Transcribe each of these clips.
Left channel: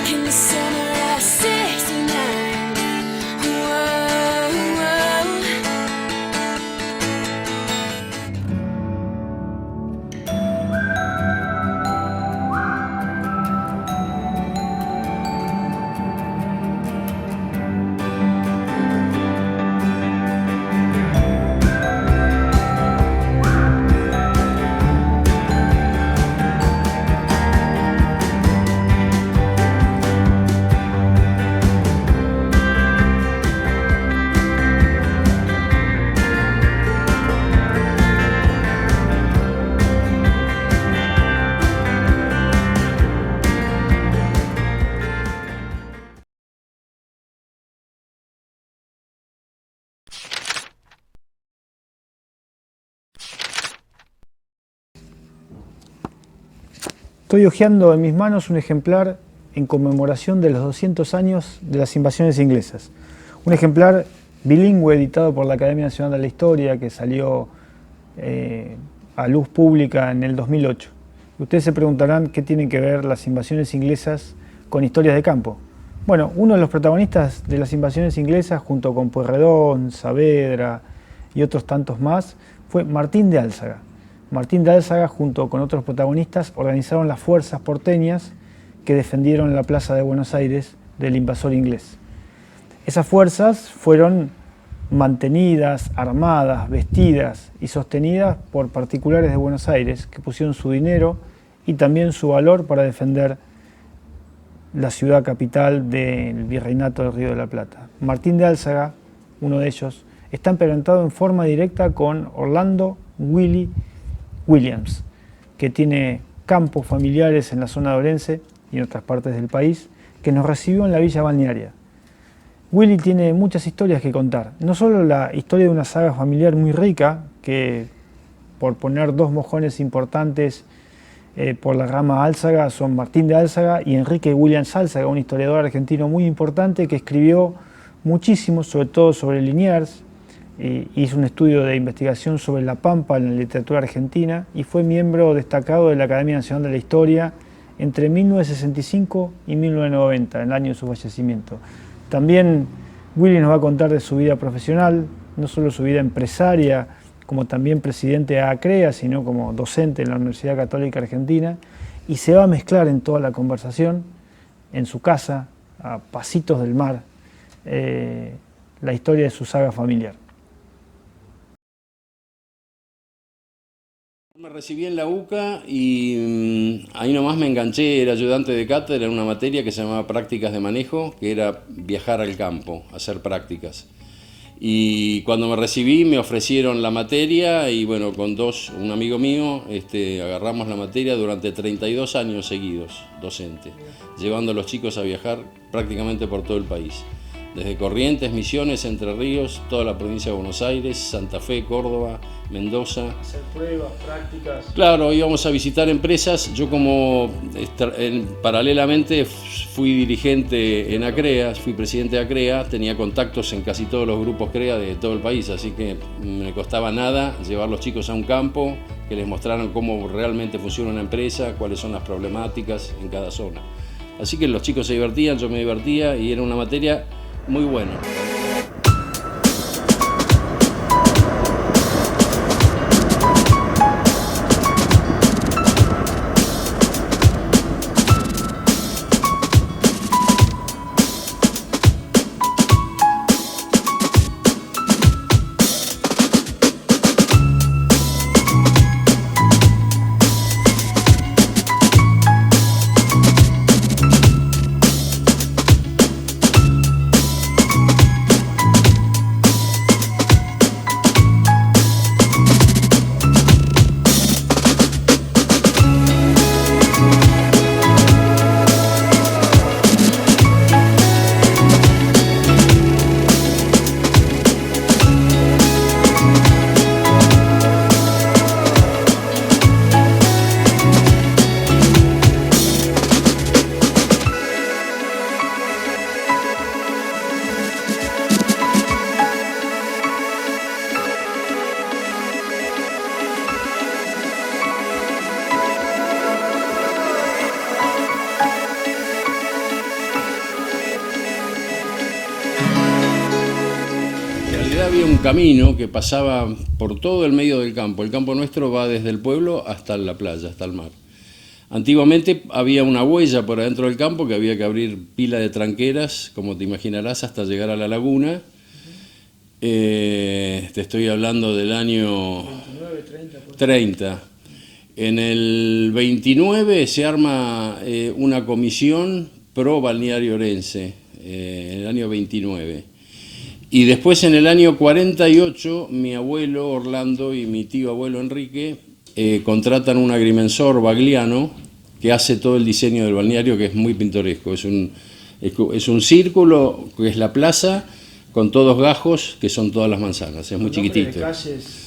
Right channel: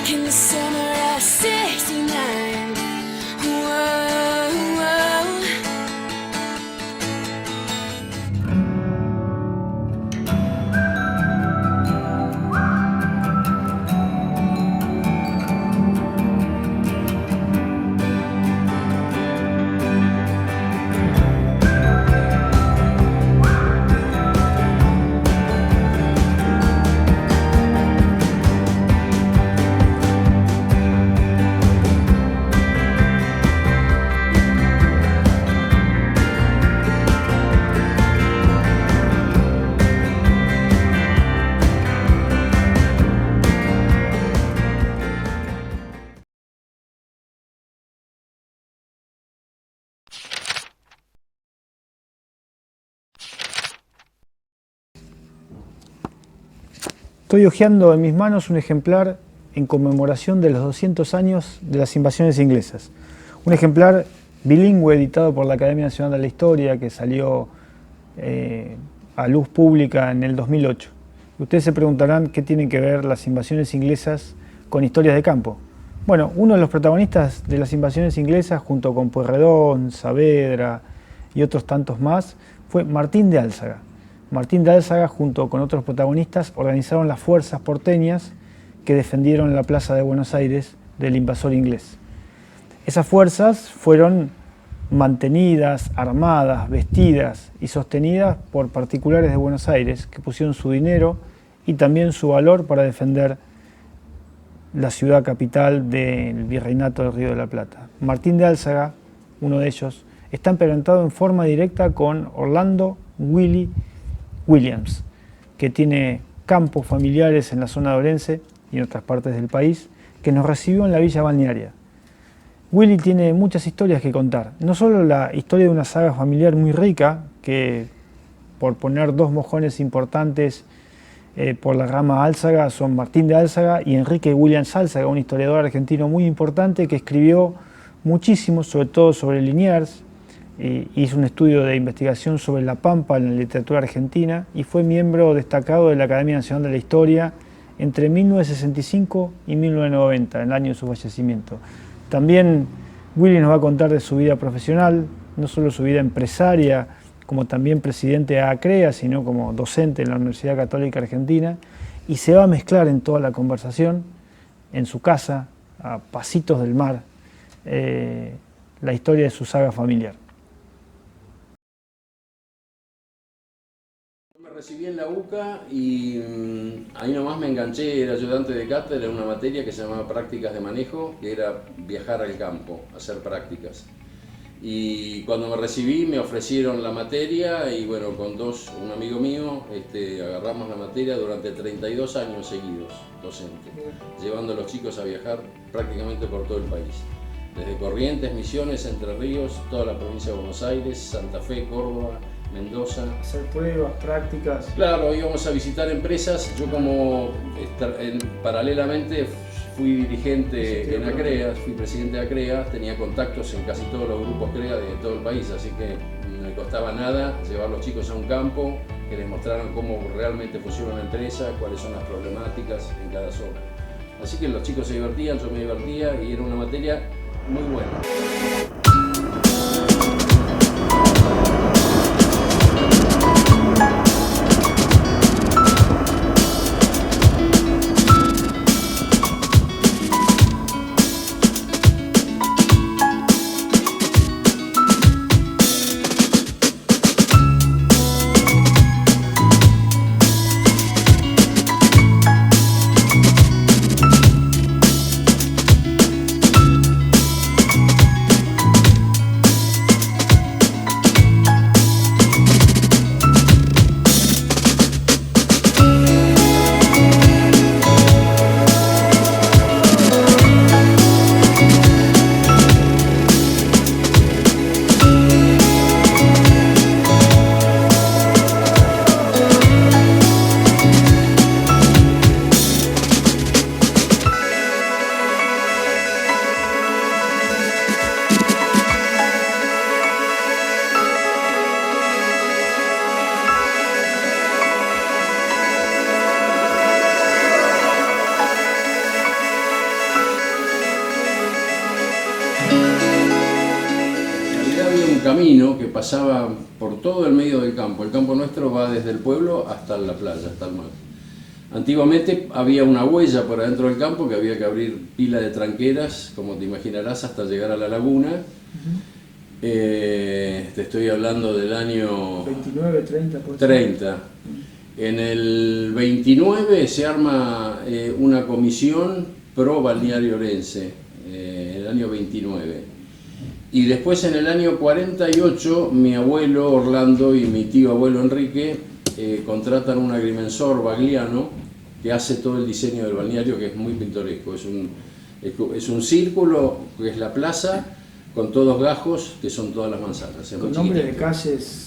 back in the summer of '69. Whoa, whoa. Estoy hojeando en mis manos un ejemplar en conmemoración de los 200 años de las invasiones inglesas. Un ejemplar bilingüe editado por la Academia Nacional de la Historia que salió a luz pública en el 2008. Ustedes se preguntarán qué tienen que ver las invasiones inglesas con historias de campo. Bueno, uno de los protagonistas de las invasiones inglesas, junto con Pueyrredón, Saavedra y otros tantos más, fue Martín de Álzaga. Martín de Álzaga, junto con otros protagonistas, organizaron las fuerzas porteñas que defendieron la plaza de Buenos Aires del invasor inglés. Esas fuerzas fueron mantenidas, armadas, vestidas y sostenidas por particulares de Buenos Aires que pusieron su dinero y también su valor para defender la ciudad capital del Virreinato del Río de la Plata. Martín de Álzaga, uno de ellos, está emparentado en forma directa con Orlando Willie Williams, que tiene campos familiares en la zona de Orense y en otras partes del país, que nos recibió en la villa balnearia. Willy tiene muchas historias que contar, no solo la historia de una saga familiar muy rica, que por poner dos mojones importantes por la rama Álzaga son Martín de Álzaga y Enrique Williams Álzaga, un historiador argentino muy importante que escribió muchísimo, sobre todo sobre Liniers, hizo un estudio de investigación sobre la Pampa en la literatura argentina y fue miembro destacado de la Academia Nacional de la Historia entre 1965 y 1990, en el año de su fallecimiento. También Willy nos va a contar de su vida profesional, no solo su vida empresaria, como también presidente de ACREA, sino como docente en la Universidad Católica Argentina, y se va a mezclar en toda la conversación, en su casa, a pasitos del mar, la historia de su saga familiar. Me recibí en la UCA y ahí nomás me enganché, era ayudante de cátedra en una materia que se llamaba prácticas de manejo, que era viajar al campo, hacer prácticas. Y cuando me recibí me ofrecieron la materia y bueno, con un amigo mío, agarramos la materia durante 32 años seguidos, docente, llevando a los chicos a viajar prácticamente por todo el país. Desde Corrientes, Misiones, Entre Ríos, toda la provincia de Buenos Aires, Santa Fe, Córdoba, Mendoza. Hacer pruebas, prácticas. Claro, íbamos a visitar empresas. Yo paralelamente fui dirigente en ACREA, fui presidente de ACREA, tenía contactos en casi todos los grupos CREA de todo el país, así que me costaba nada llevar a los chicos a un campo, que les mostraran cómo realmente funciona una empresa, cuáles son las problemáticas en cada zona. Así que los chicos se divertían, yo me divertía y era una materia muy buena. camino que pasaba por todo el medio del campo. El campo nuestro va desde el pueblo hasta la playa, hasta el mar. Antiguamente había una huella por adentro del campo que había que abrir pila de tranqueras, como te imaginarás, hasta llegar a la laguna. Te estoy hablando del año 29, 30. 30. En el 29 se arma una comisión pro balneario Orense, en el año 29. Y después en el año 48 mi abuelo Orlando y mi tío abuelo Enrique contratan un agrimensor bagliano que hace todo el diseño del balneario, que es muy pintoresco. Es un círculo que es la plaza con todos gajos que son todas las manzanas, es muy chiquitito. De calles.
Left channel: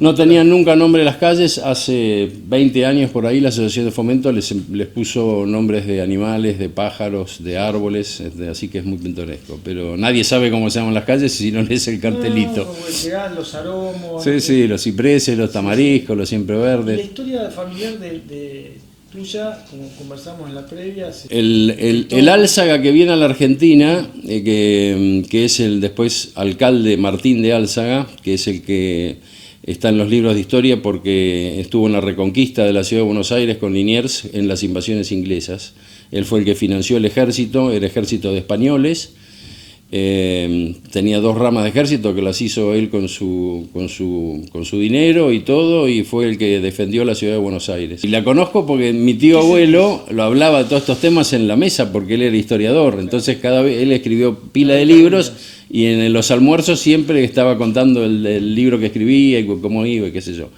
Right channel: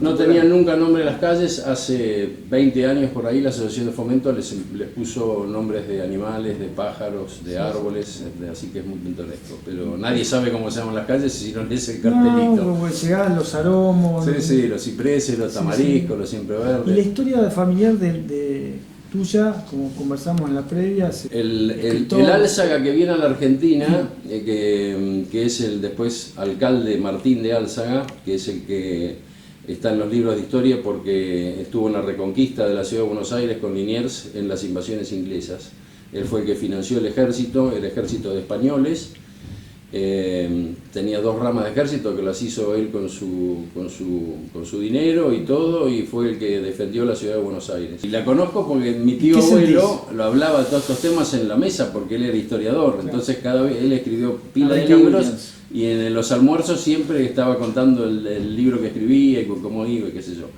No tenían nunca nombre las calles. Hace 20 años por ahí la Asociación de Fomento les puso nombres de animales, de pájaros, de árboles, así que es muy pintoresco. Pero nadie sabe cómo se llaman las calles si no lees el cartelito. Los aromos. Sí, los cipreses, los tamariscos, los siempreverdes. ¿Y la historia familiar tuya, como conversamos en la previa? El Álzaga que viene a la Argentina, que es el después alcalde Martín de Álzaga, que es el que está en los libros de historia porque estuvo en la reconquista de la ciudad de Buenos Aires con Liniers en las invasiones inglesas. Él fue el que financió el ejército de españoles. Tenía 2 ramas de ejército que las hizo él con su dinero y todo, y fue el que defendió la ciudad de Buenos Aires. Y la conozco porque mi tío abuelo lo hablaba de todos estos temas en la mesa porque él era historiador, entonces cada vez él escribió pila de libros y en los almuerzos siempre estaba contando el libro que escribía y cómo iba y qué sé yo.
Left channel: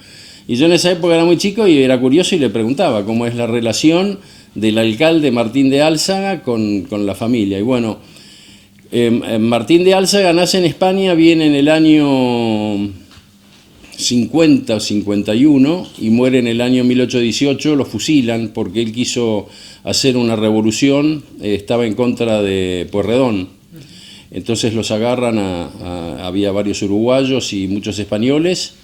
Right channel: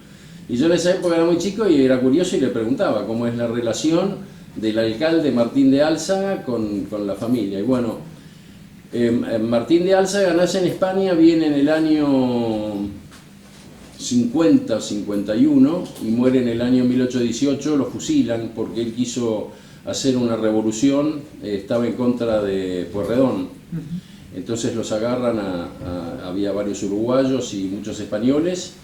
Y yo en esa época era muy chico y era curioso y le preguntaba cómo es la relación del alcalde Martín de Álzaga con la familia. Y bueno, Martín de Álzaga nace en España, viene en el año 50 o 51 y muere en el año 1818, lo fusilan porque él quiso hacer una revolución, estaba en contra de Pueyrredón. Entonces los agarran, había varios uruguayos y muchos españoles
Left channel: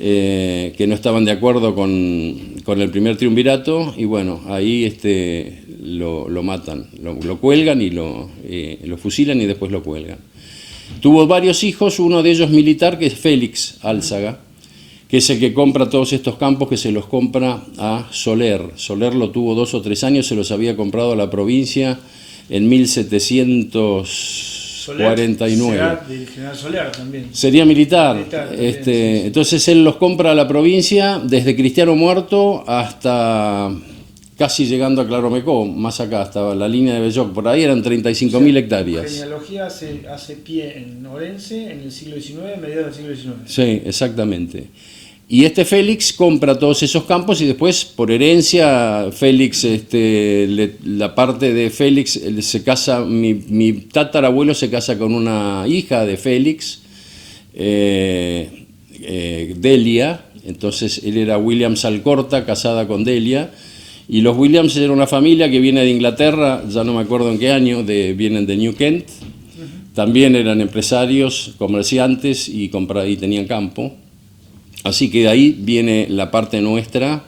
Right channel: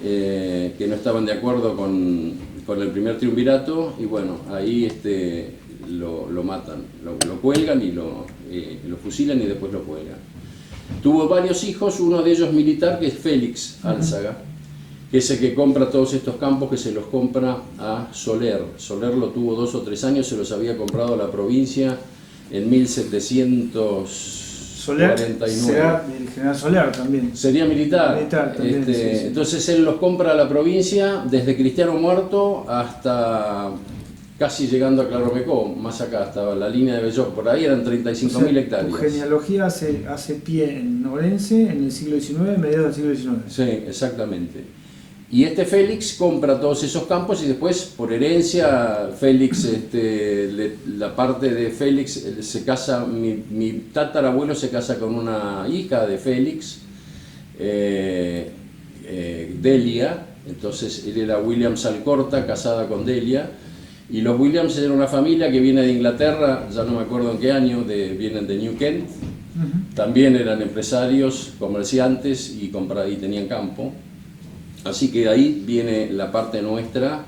que no estaban de acuerdo con el primer triunvirato y bueno, ahí lo matan, lo cuelgan y lo fusilan y después lo cuelgan. Tuvo varios hijos, uno de ellos militar, que es Félix Álzaga, que es el que compra todos estos campos, que se los compra a Soler. Soler lo tuvo 2 o 3 años, se los había comprado a la provincia en 1749. Será del general Soler también. Sería militar. También, sí. Entonces él los compra a la provincia desde Cristiano Muerto hasta casi llegando a Claromecó, más acá estaba la línea de Belloc, por ahí eran 35.000 hectáreas. La genealogía hace pie en Orense en el siglo XIX, mediados del siglo XIX. Sí, exactamente. Y Félix compra todos esos campos y después, por herencia, Félix, la parte de Félix se casa, mi tatarabuelo se casa con una hija de Félix, Delia, entonces él era Williams Alcorta, casada con Delia, y los Williams eran una familia que viene de Inglaterra, ya no me acuerdo en qué año, vienen de New Kent, también eran empresarios, comerciantes y tenían campo. Así que de ahí viene la parte nuestra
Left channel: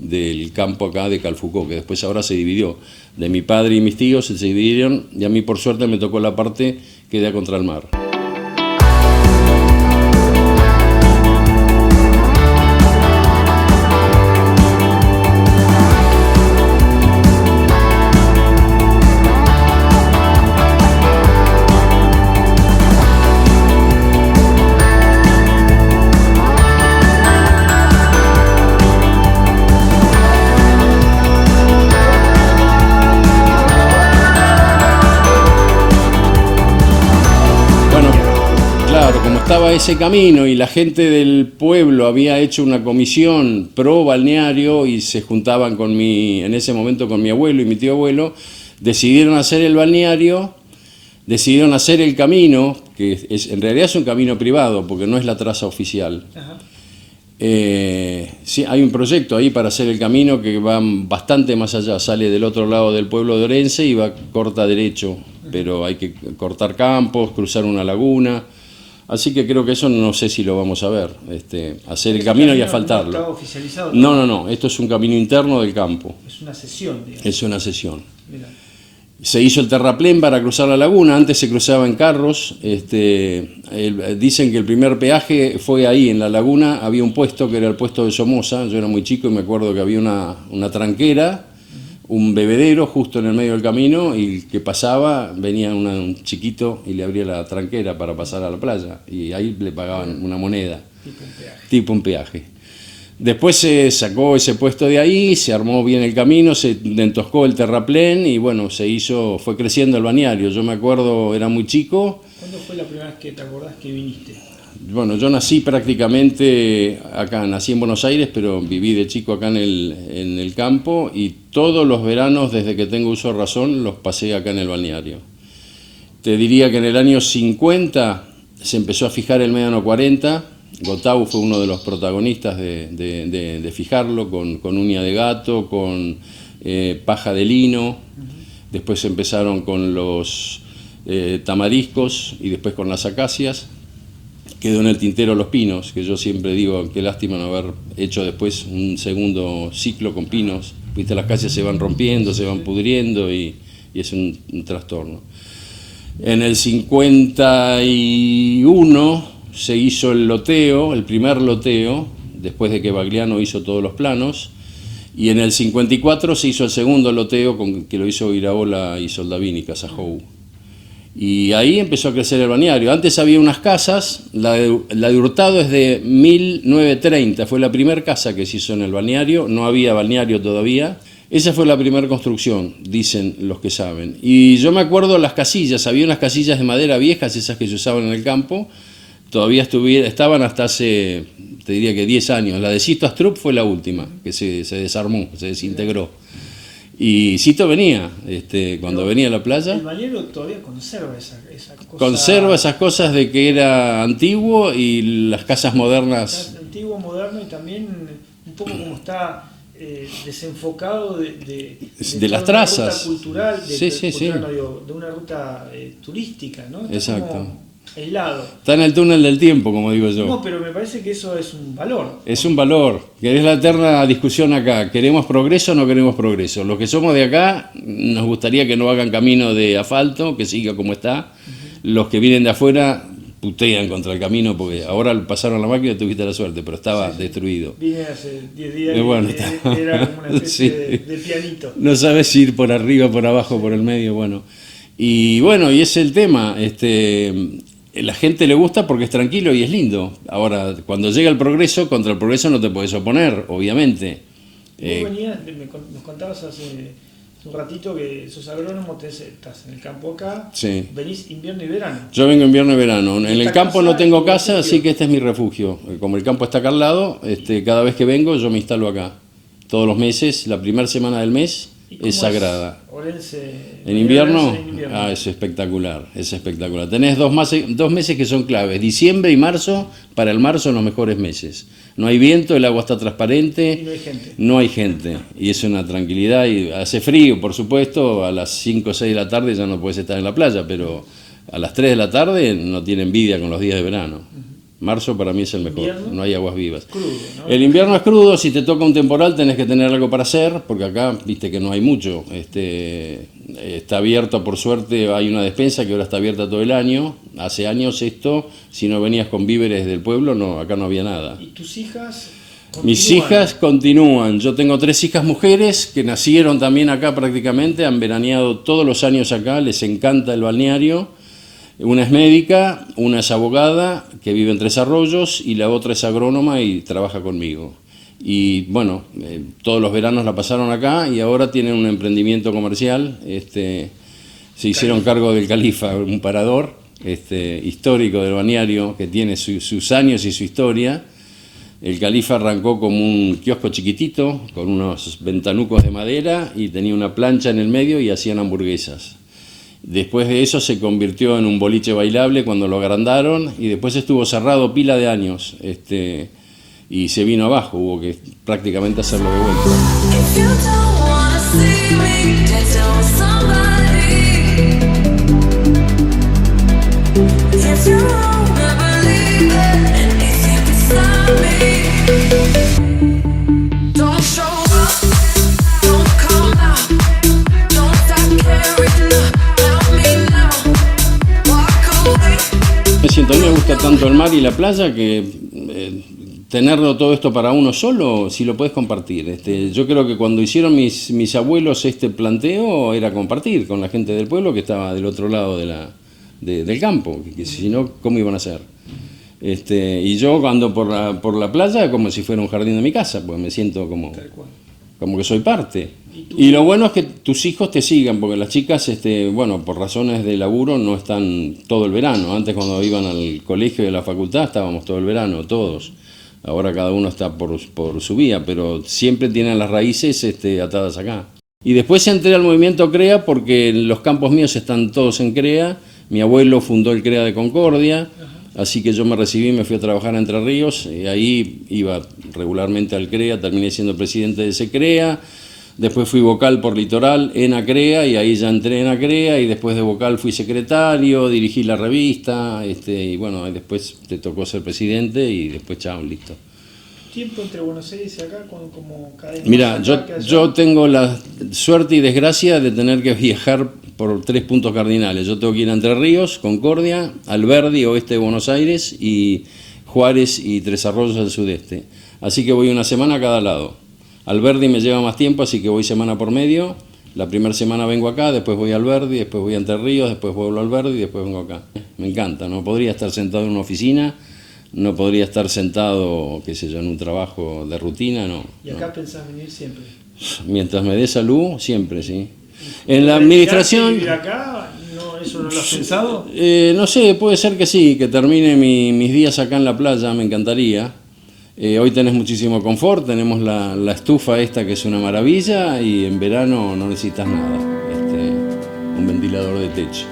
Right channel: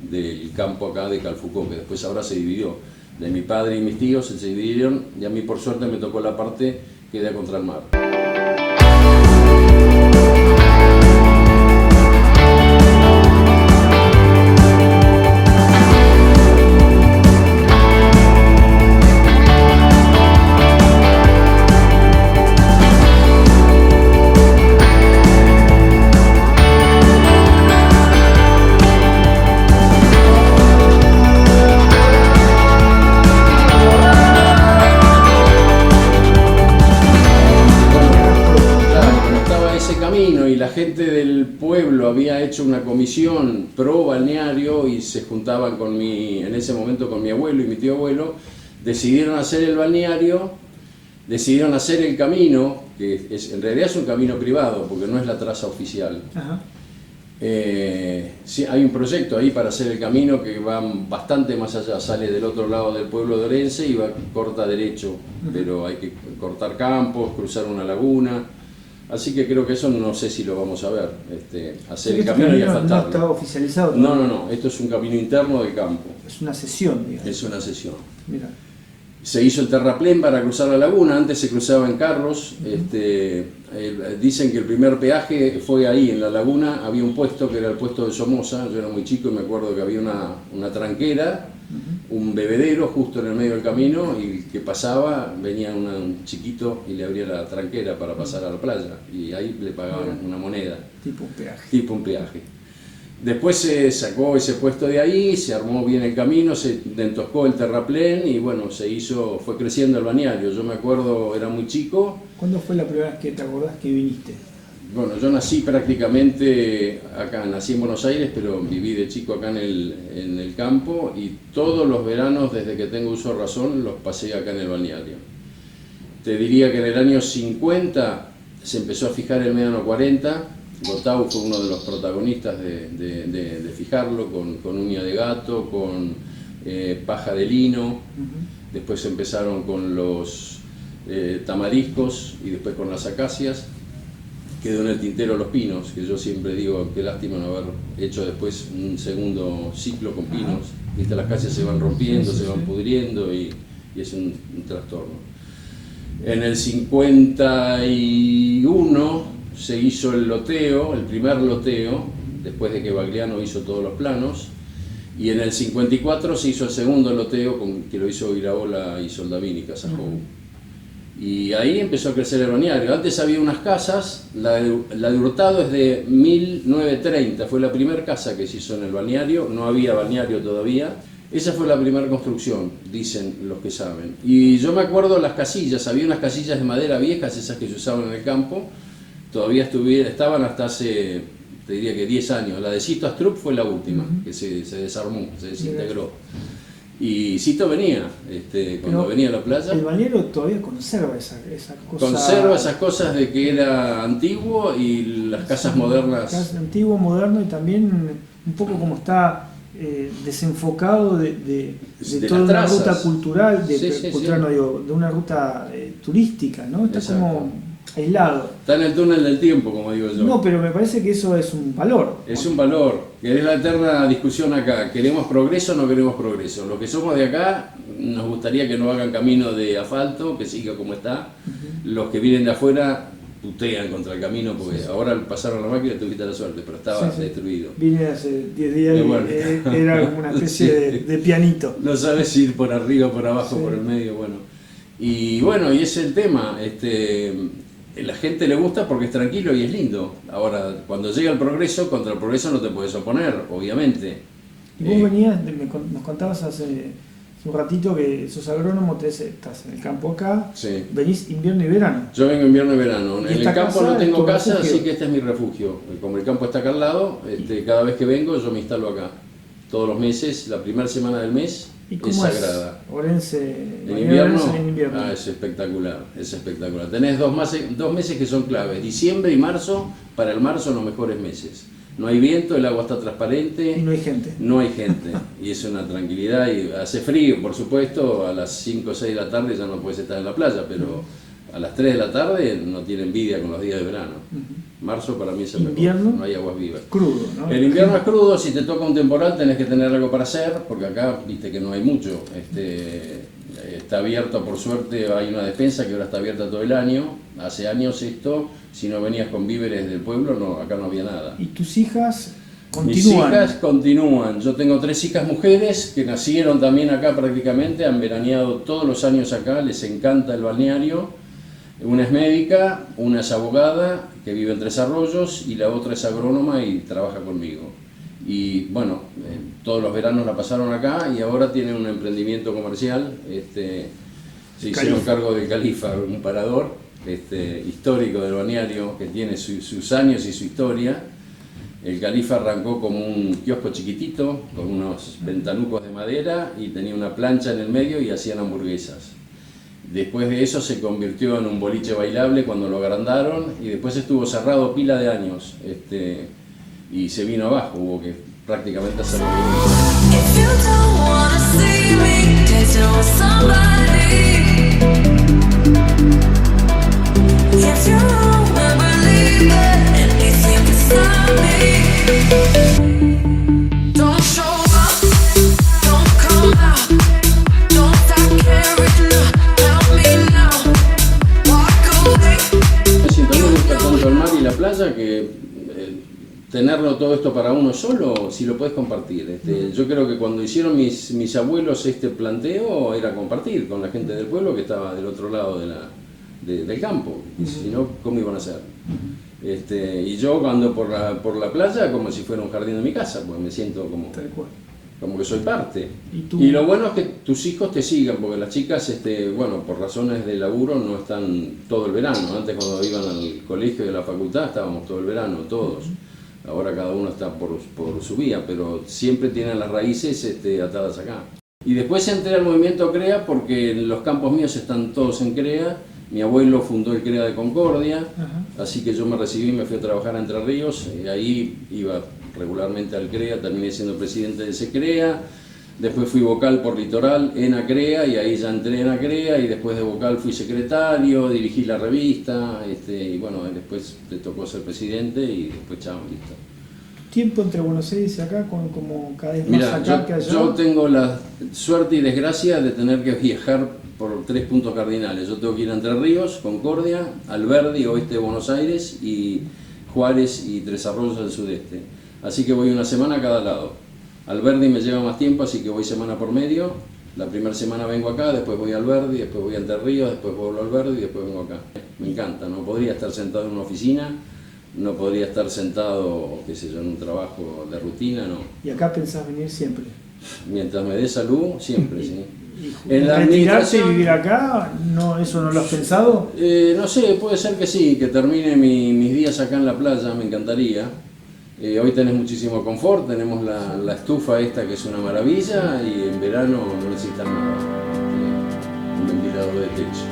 del campo acá de Calfucó, que después ahora se dividió. De mi padre y mis tíos se dividieron y a mí por suerte me tocó la parte que da contra el mar. Ese camino y la gente del pueblo había hecho una comisión pro balneario y se juntaban en ese momento con mi abuelo y mi tío abuelo, decidieron hacer el balneario, decidieron hacer el camino, que en realidad es un camino privado porque no es la traza oficial. Sí, hay un proyecto ahí para hacer el camino que va bastante más allá, sale del otro lado del pueblo de Orense y corta derecho, pero hay que cortar campos, cruzar una laguna. Así que creo que eso no sé si lo vamos a ver, hacer el camino y asfaltarlo. ¿No está oficializado? No, esto es un camino interno del campo. Es una cesión, digamos. Es una cesión. Mira. Se hizo el terraplén para cruzar la laguna, antes se cruzaba en carros. Dicen que el primer peaje fue ahí, en la laguna, había un puesto que era el puesto de Somoza. Yo era muy chico y me acuerdo que había una tranquera, un bebedero justo en el medio del camino, y el que pasaba venía un chiquito y le abría la tranquera para pasar a la playa, y ahí le pagaban una moneda, tipo un peaje. Después se sacó ese puesto de ahí, se armó bien el camino, se entoscó el terraplén y bueno, fue creciendo el balneario. Yo me acuerdo, era muy chico. ¿Cuándo fue la primera vez que te acordás que viniste? Bueno, yo nací prácticamente acá, nací en Buenos Aires, pero viví de chico acá en el campo, y todos los veranos desde que tengo uso de razón los pasé acá en el balneario. Te diría que en el año 50 se empezó a fijar el médano 40, Gotau fue uno de los protagonistas de fijarlo, con uña de gato, con paja de lino. Después empezaron con los tamariscos y después con las acacias. Quedó en el tintero los pinos, que yo siempre digo, qué lástima no haber hecho después un segundo ciclo con pinos. Viste, las acacias se van rompiendo, se van pudriendo y es un trastorno. En el 51 se hizo el loteo, el primer loteo, después de que Bagliano hizo todos los planos, y en el 54 se hizo el segundo loteo, que lo hizo Iraola y Soldavini, Casajou. Y ahí empezó a crecer el balneario. Antes había unas casas, la de Hurtado es de 1930, fue la primera casa que se hizo en el balneario, no había balneario todavía. Esa fue la primera construcción, dicen los que saben. Y yo me acuerdo las casillas, había unas casillas de madera viejas, esas que se usaban en el campo, todavía estaban hasta hace, te diría que 10 años. La de Cito Astrup fue la última, que se desarmó, se desintegró. Y Cito venía, cuando venía a la playa. El balneario todavía conserva esas cosas. Conserva esas cosas de que era antiguo, y las casas modernas. Antiguo, moderno, y también un poco como está desenfocado de las trazas. Una ruta cultural, No digo, de una ruta turística, ¿no? Está exacto. Como aislado. Está en el túnel del tiempo, como digo yo. No, pero me parece que eso es un valor. Es un valor, que es la eterna discusión acá. ¿Queremos progreso o no queremos progreso? Los que somos de acá nos gustaría que no hagan camino de asfalto, que siga como está. Los que vienen de afuera putean contra el camino, porque ahora pasaron la máquina y tuviste la suerte, pero estaba destruido. Vine hace 10 días bueno, y era como una especie de pianito. No sabes si ir por arriba, por abajo, por el medio, bueno. Y bueno, y ese es el tema. La gente le gusta porque es tranquilo y es lindo. Ahora, cuando llega el progreso, contra el progreso no te puedes oponer, obviamente. Vos venías, nos contabas hace un ratito que sos agrónomo, estás en el campo acá, sí. Venís invierno y verano. Yo vengo invierno y verano. En el campo no tengo casa, refugio? así que este es mi refugio. Como el campo está acá al lado, cada vez que vengo yo me instalo acá. Todos los meses, la primera semana del mes es sagrada. ¿En invierno? Es espectacular, es espectacular. Tenés dos meses que son claves, diciembre y marzo. Para el marzo los mejores meses. No hay viento, el agua está transparente. Y no hay gente. No hay gente. Y es una tranquilidad. Y hace frío, por supuesto. A las 5 o 6 de la tarde ya no puedes estar en la playa, pero a las 3 de la tarde no tiene envidia con los días de verano. Marzo para mí es el mejor, ¿Invierno? no hay aguas vivas. Crudo, ¿no? El invierno es crudo, si te toca un temporal tenés que tener algo para hacer, porque acá viste que no hay mucho. Está abierto, por suerte, hay una despensa que ahora está abierta todo el año. Hace años si no venías con víveres del pueblo, no, acá no había nada. ¿Y tus hijas continúan? Mis hijas continúan. Yo tengo 3 hijas mujeres que nacieron también acá prácticamente, han veraneado todos los años acá, les encanta el balneario. Una es médica, una es abogada, que vive en Tres Arroyos, y la otra es agrónoma y trabaja conmigo. Y bueno, todos los veranos la pasaron acá y ahora tienen un emprendimiento comercial. Se hicieron cargo del Califa, un parador histórico del balneario que tiene sus años y su historia. El Califa arrancó como un kiosco chiquitito, con unos ventanucos de madera, y tenía una plancha en el medio y hacían hamburguesas. Después de eso se convirtió en un boliche bailable cuando lo agrandaron, y después estuvo cerrado pila de años y se vino abajo, hubo que prácticamente hacerlo de vuelta. If you don't wanna see me dancing with somebody, if you wanna believe that anything can stop me, don't show up, don't come out, don't start caring. playa que tenerlo todo esto para uno solo, si lo puedes compartir. Yo creo que cuando hicieron mis abuelos este planteo era compartir con la gente del pueblo que estaba del otro lado del campo, que si no, ¿cómo iban a hacer? Y yo ando por la playa como si fuera un jardín de mi casa, pues me siento como que soy parte. Y lo bueno es que tus hijos te sigan, porque las chicas, bueno, por razones de laburo no están todo el verano. Antes cuando iban al colegio y a la facultad estábamos todo el verano, todos. Ahora cada uno está por su vía, pero siempre tienen las raíces atadas acá. Y después entré al movimiento CREA porque los campos míos están todos en CREA. Mi abuelo fundó el CREA de Concordia, así que yo me recibí, me fui a trabajar a Entre Ríos, y ahí iba regularmente al CREA, terminé siendo presidente de ese CREA, después fui vocal por Litoral en ACREA, y ahí ya entré en ACREA, y después de vocal fui secretario, dirigí la revista, y bueno, después te tocó ser presidente, y después chao, listo. ¿Tiempo entre Buenos Aires y acá, como cada vez más? Mira, yo tengo la suerte y desgracia de tener que viajar por 3 puntos cardinales. Yo tengo que ir a Entre Ríos, Concordia, Alberdi, oeste de Buenos Aires, y Juárez y Tres Arroyos al sudeste. Así que voy una semana a cada lado. Alberdi me lleva más tiempo, así que voy semana por medio. La primera semana vengo acá, después voy a Alberdi, después voy a Entre Ríos, después vuelvo a Alberdi y después vengo acá. Me encanta, no podría estar sentado en una oficina, no podría estar sentado, qué sé yo, en un trabajo de rutina, no. ¿Y acá pensás venir siempre? Mientras me dé salud, siempre, sí. En la administración... ¿Vivir acá? No, ¿eso no lo has pensado? No sé, puede ser que sí, que termine mis días acá en la playa, me encantaría. Hoy tenés muchísimo confort, tenemos la estufa esta que es una maravilla, y en verano no necesitas nada, un ventilador de techo.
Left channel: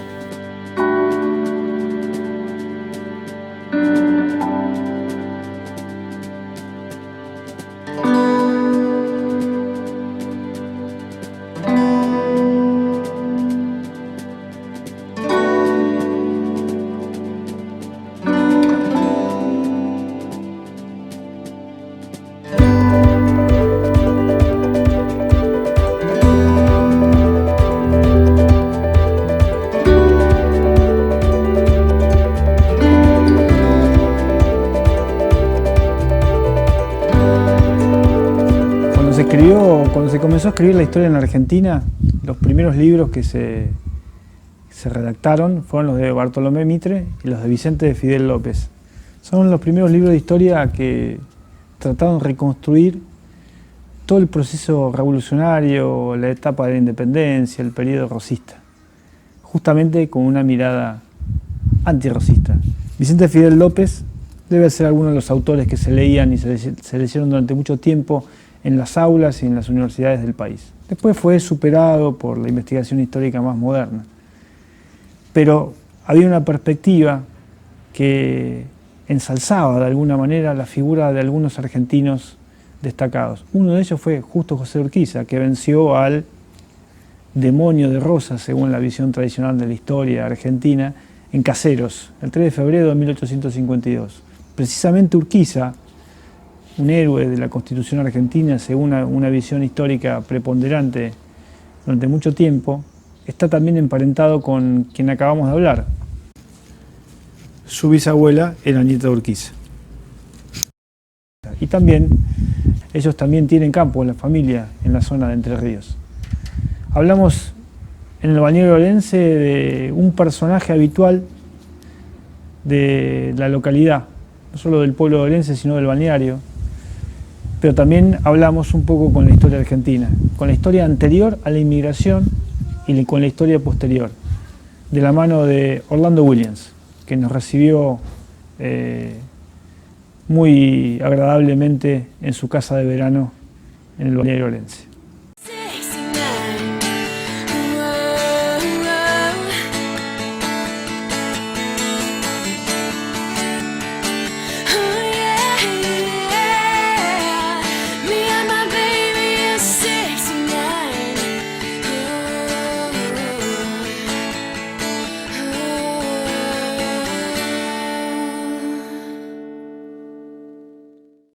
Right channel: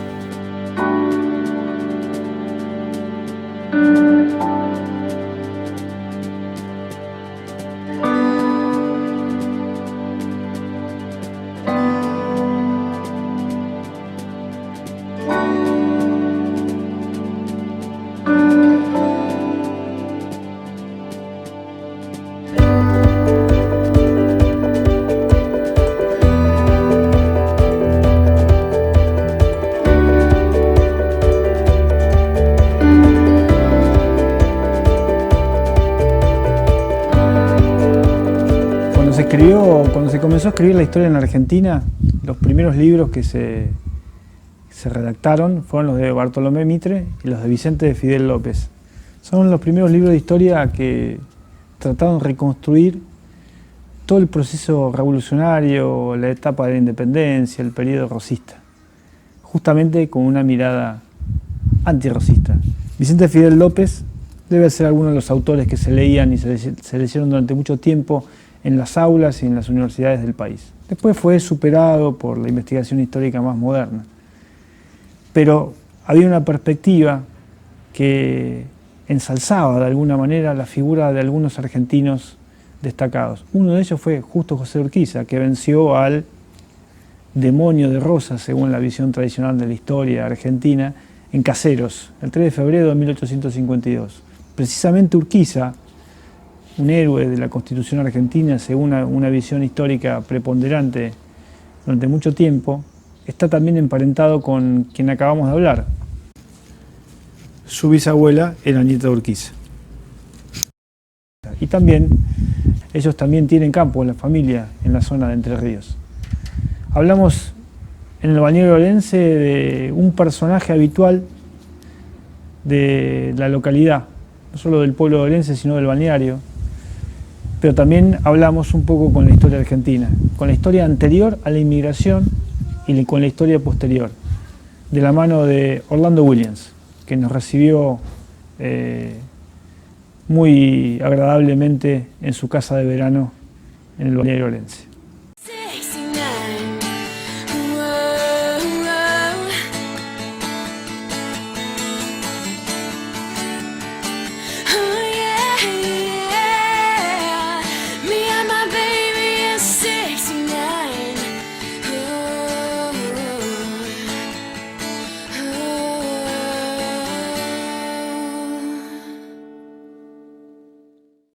Cuando se comenzó a escribir la historia en Argentina, los primeros libros que se redactaron fueron los de Bartolomé Mitre y los de Vicente de Fidel López. Son los primeros libros de historia que trataron de reconstruir todo el proceso revolucionario, la etapa de la independencia, el periodo rosista, justamente con una mirada antirrosista. Vicente Fidel López debe ser alguno de los autores que se leían y se leyeron durante mucho tiempo en las aulas y en las universidades del país. Después fue superado por la investigación histórica más moderna. Pero había una perspectiva que ensalzaba de alguna manera la figura de algunos argentinos destacados. Uno de ellos fue Justo José Urquiza, que venció al demonio de Rosas, según la visión tradicional de la historia argentina, en Caseros, el 3 de febrero de 1852. Precisamente Urquiza, un héroe de la Constitución argentina, según una visión histórica preponderante durante mucho tiempo, está también emparentado con quien acabamos de hablar. Su bisabuela era nieta de Urquiza. Y también, ellos también tienen campo en la familia en la zona de Entre Ríos. Hablamos en el balneario orense de un personaje habitual de la localidad, no solo del pueblo orense, sino del balneario. Pero también hablamos un poco con la historia argentina, con la historia anterior a la inmigración y con la historia posterior, de la mano de Orlando Williams, que nos recibió muy agradablemente en su casa de verano en el balneario orense. Oh, yeah.